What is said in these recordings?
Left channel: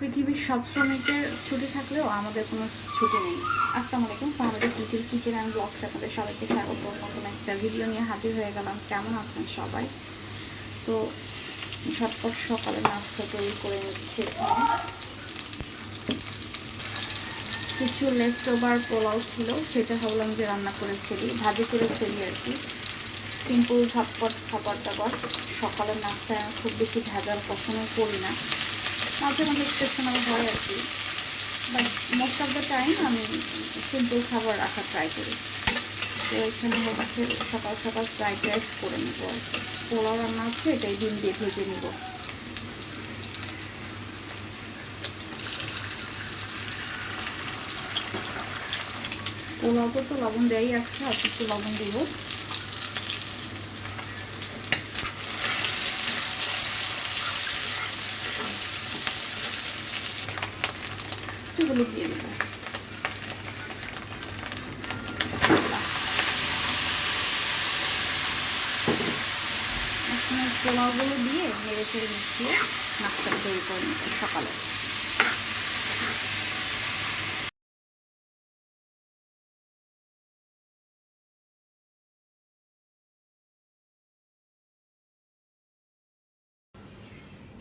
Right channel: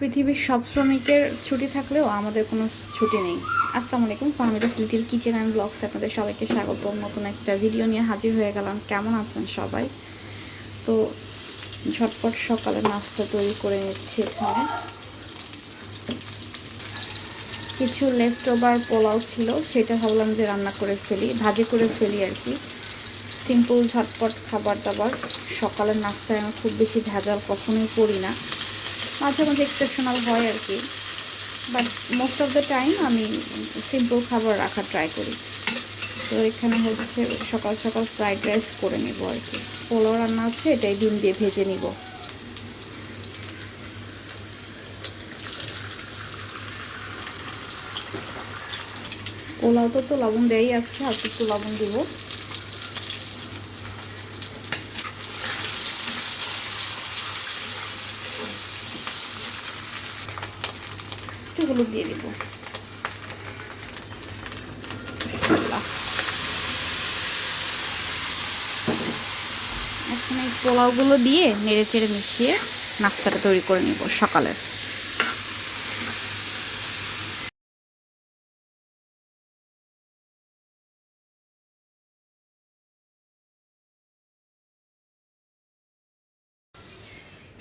পৃথিবীর সব শ্রমিকের ছুটি থাকলেও আমাদের কোনো ছুটি নেই। আসসালামু আলাইকুম, Fahmida's little kitchen and blogs আপনাদের সবাইকে স্বাগত। নতুন একটা ভিডিও নিয়ে হাজির হয়ে গেলাম। কেমন আছেন সবাই? তো ঝটপট সকালে নাস্তা তৈরি করে নিচ্ছি। এখানে কিছু লেফট ওভার পোলাও ছিল, সেটা ভাবলাম যে রান্না করে ফেলি, ভাজি করে ফেলি আর কি। সিম্পল ঝটপট খাবার দাবার। সকালের নাস্তায় আমি খুব বেশি ভেজাল পছন্দ করি না, মাঝে মাঝে এক্সেপশনাল হয় আর কি, but most of the time আমি সিম্পল খাবার রাখার ট্রাই করি। তো এখানে হচ্ছে সকাল সকাল ফ্রাইড রাইস করে নেব আর কি। পোলাও রান্না হচ্ছে, এটাই ডিম দিয়ে ভেজে নিব। পোলাওতে তো লবণ দেওয়াই আছে, আর একটু লবণ দিব। একটু হলুদ দিয়ে দিব। এখন এই পোলাওগুলো দিয়ে নেড়ে চেড়ে মিশিয়ে নাস্তাটা তৈরি করে নিব সকালে।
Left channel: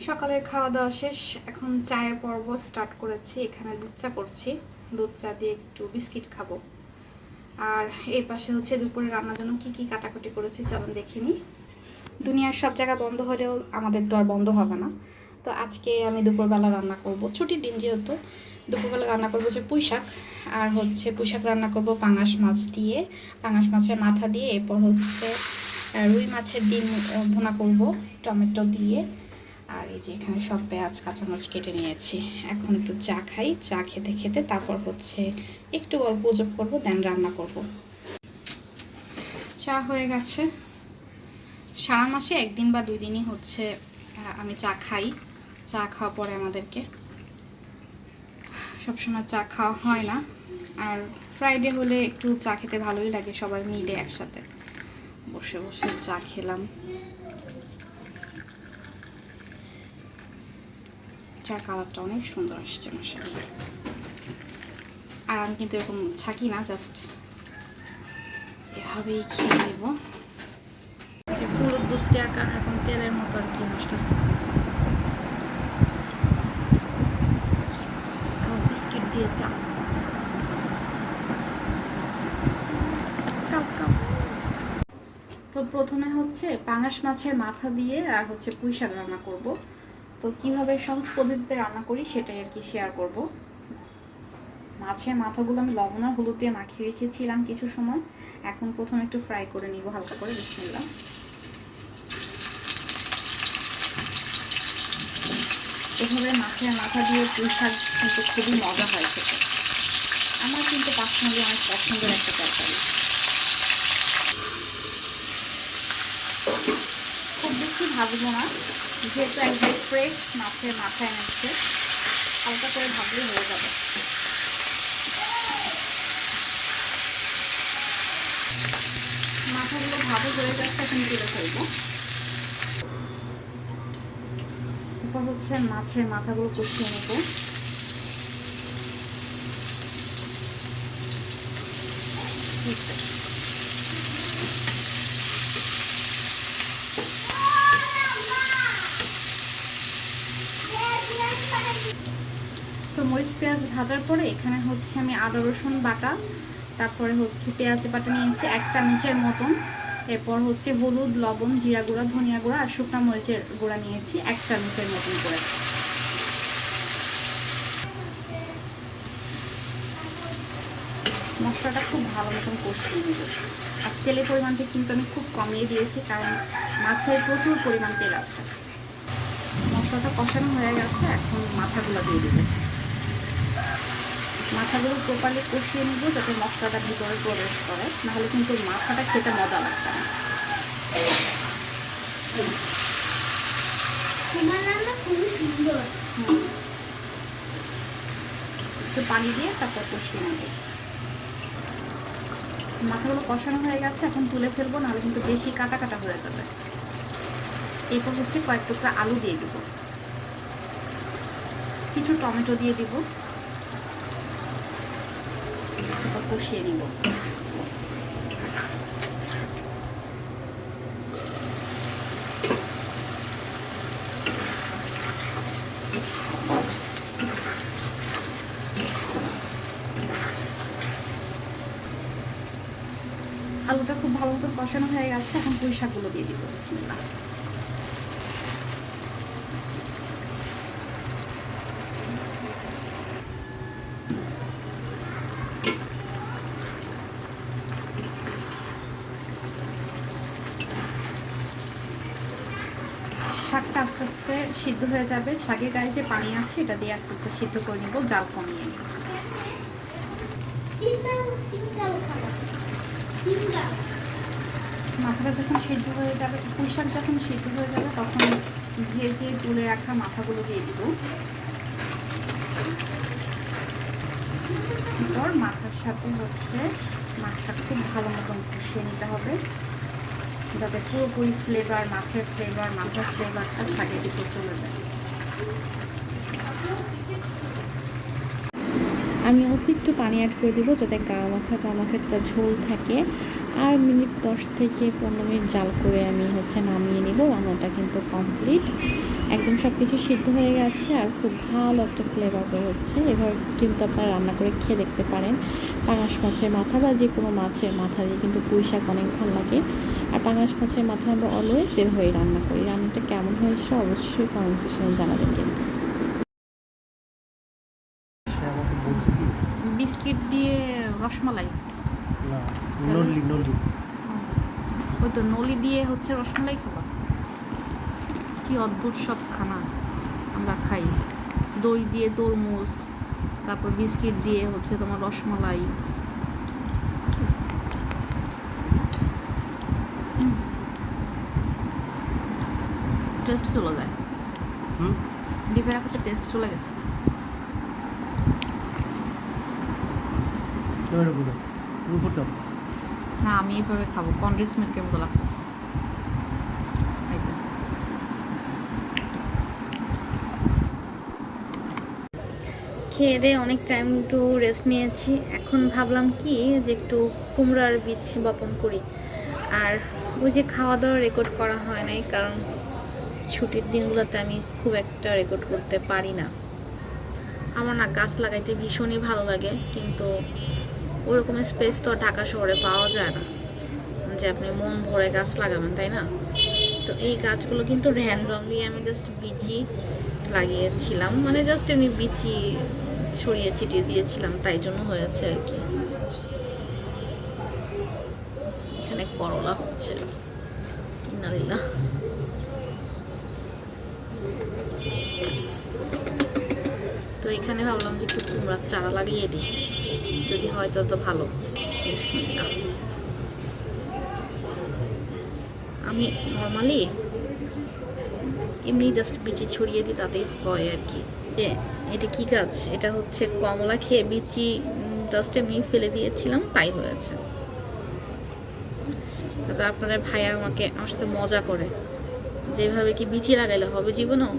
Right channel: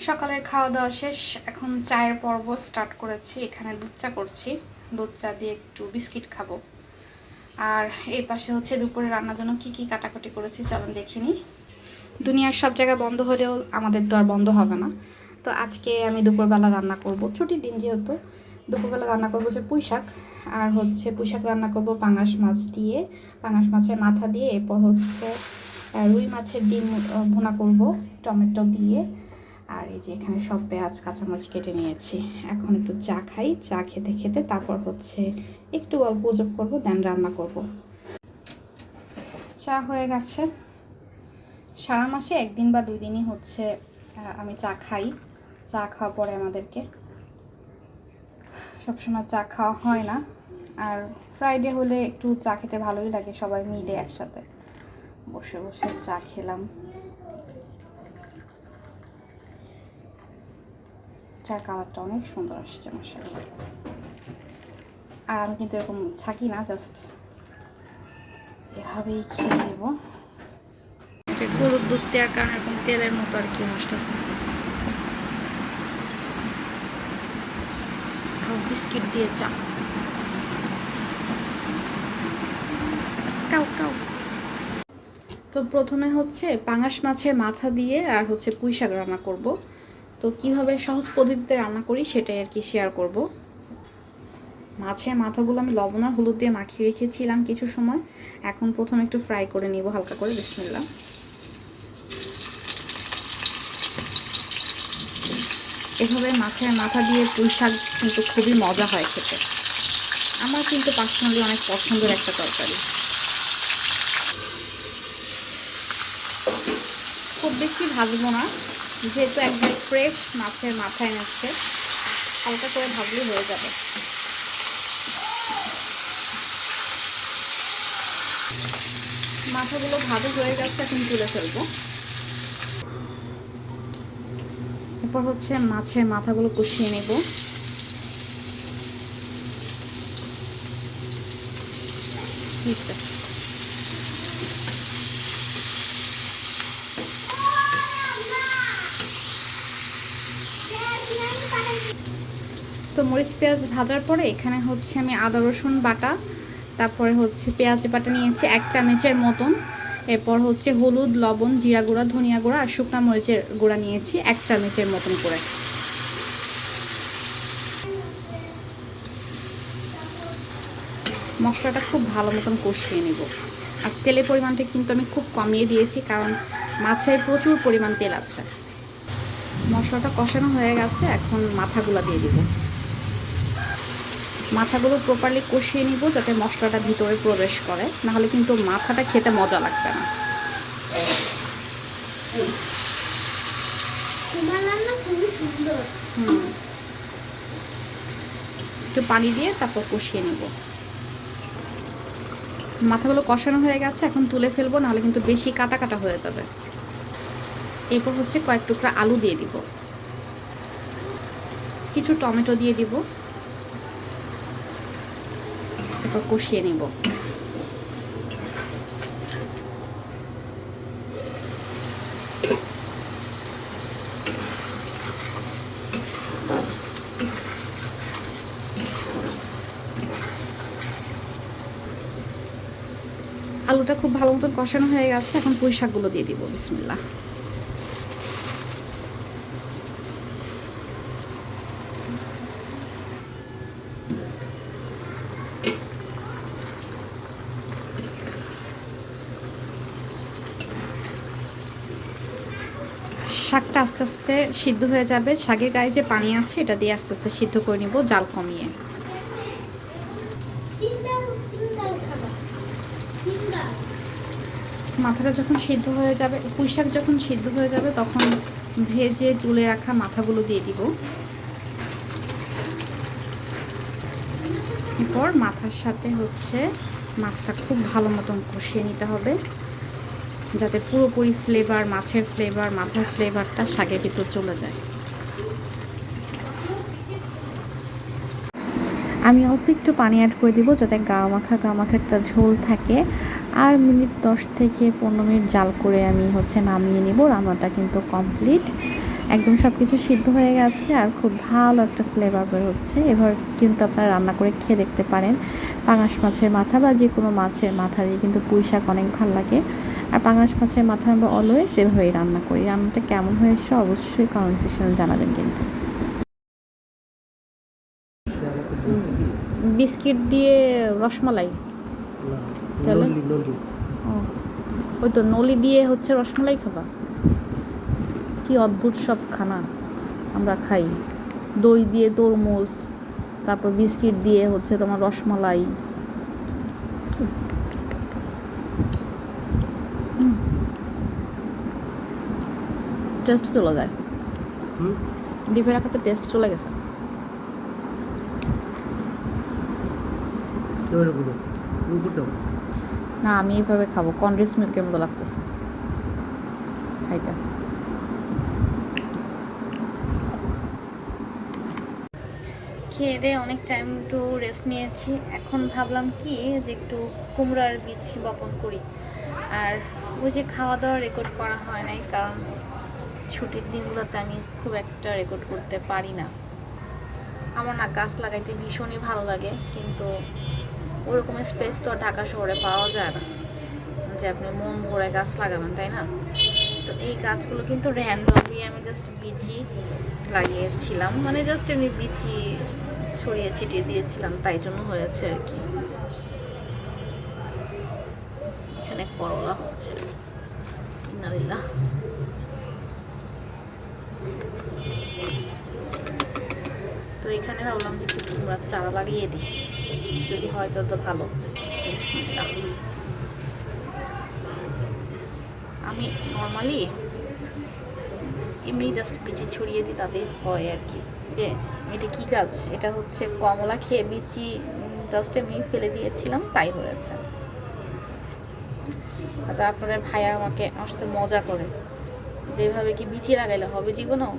সকালের খাওয়া দাওয়া শেষ, এখন চায়ের পর্ব স্টার্ট করেছি। এখানে দুধ চা করছি, দুধ চা দিয়ে একটু বিস্কিট খাবো। আর এই পাশে হচ্ছে দুপুরে রান্নার জন্য কি কি কাটাকুটি করেছি চলুন দেখিনি। দুনিয়ার সব জায়গা বন্ধ হলেও আমাদের তো আর বন্ধ হবে না। তো আজকে আমি দুপুরবেলা রান্না করব, ছুটির দিন যেহেতু, দুপুরবেলা রান্না করবো হচ্ছে পুঁই শাক। আর হচ্ছে পুঁই শাক রান্না করব পাঙাশ মাছ দিয়ে, পাঙাশ মাছের মাথা দিয়ে। এরপর হচ্ছে রুই মাছের ডিম ভুনা করব টমেটো দিয়ে। আর এই যে এখানে সব পেঁয়াজ কাঁচামরিচ কেটে নিয়েছি। এখন একটু চা খাই, চা খেতে খেতে তারপর হচ্ছে একটু গল্প গুজব করবো, দেন রান্না করব। চা হয়ে গেছে। সারা মাসে একদিন বা 2 দিনই হচ্ছে আমি চা খাই। চা খাওয়া পরে আমাদেরকে সবসময় চা খাওয়া হয় না। আর ফ্রাইডে হলে একটু চা খেতে ভালোই লাগে, সবাই মিলে একসাথে বসে বসে চা খেলাম। চার কালারটা অনেক সুন্দর আসছে মাশাআল্লাহ। আর আমি কিন্তু এরকম ছাকি না, জাস্ট এভাবেই খেয়ে নেব। গরুর দুধ দেওয়ার কারণে এরকম তেলের মতো আর কি আসতেছে। বিস্কিট দিয়ে চা কাউ কাউ। তো প্রথমে হচ্ছে পাঙাশ মাছের মাথা দিয়ে আর হচ্ছে পুঁই শাক রান্না করব। তো কিভাবে সহজ পদ্ধতিতে রান্না করি সেটাই আর কি শেয়ার করব। মাছের মাথাগুলো আমি লবণ আর হলুদ দিয়ে মাখিয়ে রেখেছিলাম কিছু সময়। এখন প্রথমে একটু ফ্রাই করে নিব হালকা করে। বিসমিল্লাহ। এভাবে মাছের মাথা দিয়ে পুঁই শাক কিন্তু খুবই মজা হয় খেতে। আমার কিন্তু পার্সোনালি অনেক পছন্দের একটা তরকারি। খুব বেশি ভাজবো না, যেহেতু একদম ফ্রেশ মাছের মাথা এনেছে, হালকা করে ভাজলে হয়ে যাবে। মাথাগুলো ভাজা হয়ে গেছে, এখন তুলে ফেলবো। এরপর হচ্ছে মাছের মাথাগুলো কষিয়ে নেব। তো মরিচ পেঁয়াজ ভাজার পরে এখানে হচ্ছে আমি আদা রসুন বাটা, তারপরে হচ্ছে পেঁয়াজ বাটা নিয়েছি 1 চামচের মতন। এরপর হচ্ছে হলুদ, লবণ, জিরা গুঁড়া, ধনিয়া গুঁড়া আর শুকনো মরিচের গুঁড়া নিয়েছি 1 চামচের মতন করে। মশলাটা খুব ভালো মতন কষিয়ে নেব। আর তেলের পরিমাণটা কিন্তু আমি খুব কমিয়ে দিয়েছি, কারণ মাছের প্রচুর পরিমাণ তেল আছে। মশলাটা কষানো হয়ে গেছে, এখন মাথাগুলো দিয়ে দেবো। মাথাগুলো প্রপারলি কষিয়ে নিব যাতে মশলাটা ভিতরে প্রবেশ করে, নাহলে কিন্তু মাথাটা খেতে মজা লাগবে না। একটু পানি দিয়ে তারপর কষিয়ে নেব। মাথাগুলো কষানো হয়ে গেছে, এখন তুলে ফেলবো, নাহলে কিন্তু বেশি কাটা কাটা হয়ে যাবে। এরপর হচ্ছে কয়েক টুকরা আলু দিয়ে দিব। কিছু টমেটো দিয়ে দিব, এরপর কষিয়ে নিব। আলুটা খুব ভালো মতো কষানো হয়ে গেছে, এখন পুঁই শাকগুলো দিয়ে দিব। বিসমিল্লাহ। শাকটা আস্তে আস্তে সিদ্ধ হয়ে যাবে, শাকের গায়ে যে পানি আছে এটা দিয়ে আস্তে আস্তে সিদ্ধ করে নিব জাল কমিয়ে। মাথাটা যখন সিদ্ধ হয়ে যাবে, পুঁই শাক যখন সিদ্ধ হয়ে যাবে তখন ভেজে তুলে রাখা মাথাগুলো দিয়ে দিব। এরপর মাথার সাথে হচ্ছে মাছটা খুব ভালো মতন কষিয়ে নিতে হবে, যাতে পুরোপুরি ফ্লেভার, মাছের ফ্লেভার, মাথার ফ্লেভারটা শাকের ভিতর চলে যায়। আমি অল্প একটু পানি অ্যাড করে দিব যাতে গা মাখা একটা ঝোল থাকে। আর মিনিট 10 থেকে 15 মিনিট জাল করে আমি হচ্ছে নামিয়ে নিব। রান্নাটা কিন্তু কমপ্লিট, একদম সব কিছু সিদ্ধ হয়ে গেছে আর খুব ভালো একটা ফ্লেভার বের হচ্ছে। এবার কিন্তু আপনারা রান্না করে খেয়ে দেখতে পারেন। পাঙাশ মাছের মাথা বা যে কোনো মাছের মাথা দিয়ে কিন্তু পুঁই শাক অনেক ভালো লাগে। আর পাঙাশ মাছের মাথা আমরা অলওয়েজ এভাবেই রান্না করি। রান্নাটা কেমন হয়েছে অবশ্যই কমেন্ট সেকশনে জানাবেন। কিন্তু বিস্কিট দিয়ে রসমালাই, তাহলে ওই তো নলি দিয়ে হচ্ছে রসমালাই খাবা? কি অদ্ভুত সব খানা আমরা খাই। দই দিয়ে তরমুজ, তারপর বিস্কিট দিয়ে হচ্ছে তোমার রসমালাই। টেস্ট চলে যায়, ডিপে রাখাতে টেস্ট চলে গেছে। না, আমি এইভাবে খাবো, কনডেন্স মিল্কের মতো লাগতেছে খাইতে। খেয়ে দিয়ে অনেক টাইম একটু রেস্ট নিয়েছি। এখন ভাবলাম কি যে একটু কুমড়ার বীজ বপন করি। আর ওই যে খাওয়া দাওয়া রেকর্ড করা হয় নাই, কারণ ছুটির দিনগুলোতে আমি খুব একটা রেকর্ড করতে পারি না। আমার না গাছ লাগাইতে ভীষণই ভালো লাগে, কিন্তু ওরকম স্পেস তো ঢাকা শহরে পাওয়া যায় না যে আপনি মন ভরে গাছ লাগাবেন, তাই না? তো এই গাছগুলো কিন্তু র্যান্ডমলি আমি জাস্ট বিচি লাগিয়েছিলাম, মানে জাস্ট এমনি বিচি ছড়িয়ে ছিটিয়ে দিয়েছিলাম, তাই জন্য হয়েছে আর কি। এখানে করলা হচ্ছে, ইন্নালিল্লাহ। তো এখানে ভাবলাম যে একটু কুমড়ার চারা লাগিয়ে দিই, যদি হয় তত ভালো। বিসমিল্লাহ। আমি নর্মালি এমনি জাস্ট বিচি ছড়িয়ে দিই, তাতেই হয় আর কি। এটা কি গাছ? এটা হচ্ছে কমলা, খেয়ে বিচি জাস্ট এমনি ফেলে দিয়েছিলাম, তাই হয়েছে। আচ্ছা, আপনাদের ভাইয়া আমার সাথে মজা করে, যেভাবে কি বিচি লাগাইলে হবে জীবনেও।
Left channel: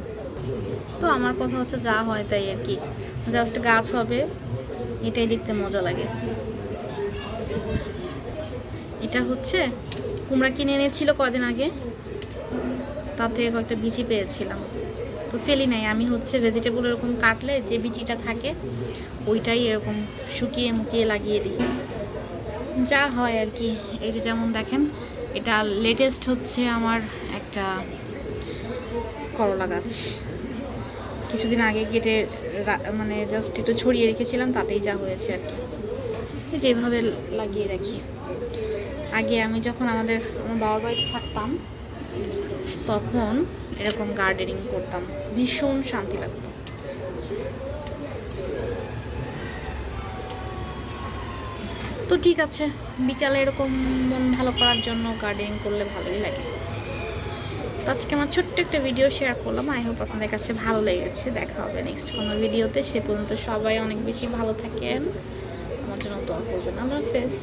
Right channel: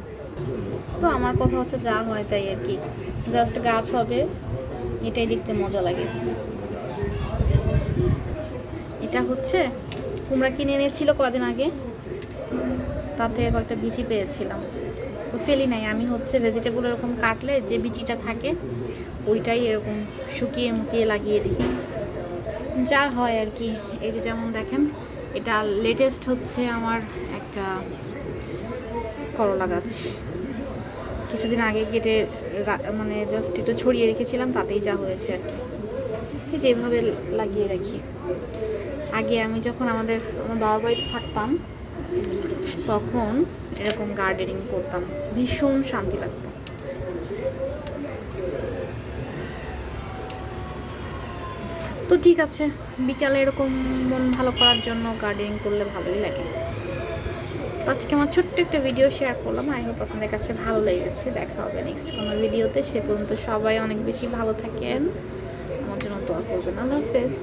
তো আমার কথা হচ্ছে যা হয় তাই আর কি, জাস্ট গাছ হবে, এটাই দেখতে মজা লাগে। এটা হচ্ছে কুমড়া কিনে এনেছিল কদিন আগে, তার থেকে কয়েকটা বিচি পেয়েছিলাম, তো ফেলি নাই। আমি হচ্ছে ভেজিটেবল এরকম কাটলে যে বিচিটা থাকে ওইটাই এরকম শুকিয়ে মুকিয়ে লাগিয়ে দিই, যা হয় আর কি। এটা যেমন দেখেন, এটা লেটেস্ট হচ্ছে আমার একটা করলা গাছ, কিছুদিন আগে কেটে মানে জাস্ট একটু ছড়িয়ে রেখেছিলাম, তাতেই যা হয়েছে আর কি। যেভাবে লাগিয়ে রাখি। আগে আমি যখন আমার বাবার বাড়িতে থাকতাম তখন এরকম গার্ডেনিং করতাম, ভীষণ শান্তি লাগতো। তো ঠিক আছে, বিকালে এরকম মন ভালো করার জন্য গার্ডেনিং করলে ভালোই লাগে। তো আজকে আমার ছোট্ট একটা ভিডিও শেয়ার করলাম, আই হোপ আপনাদের কাছে ভালো লেগেছে। দেখা হবে নেক্সট কোনো ভিডিওতে, সে পর্যন্ত সবাই অনেক বেশি ভালো থাকেন, আমার জন্য দোয়া করবেন। আল্লাহ হাফেজ।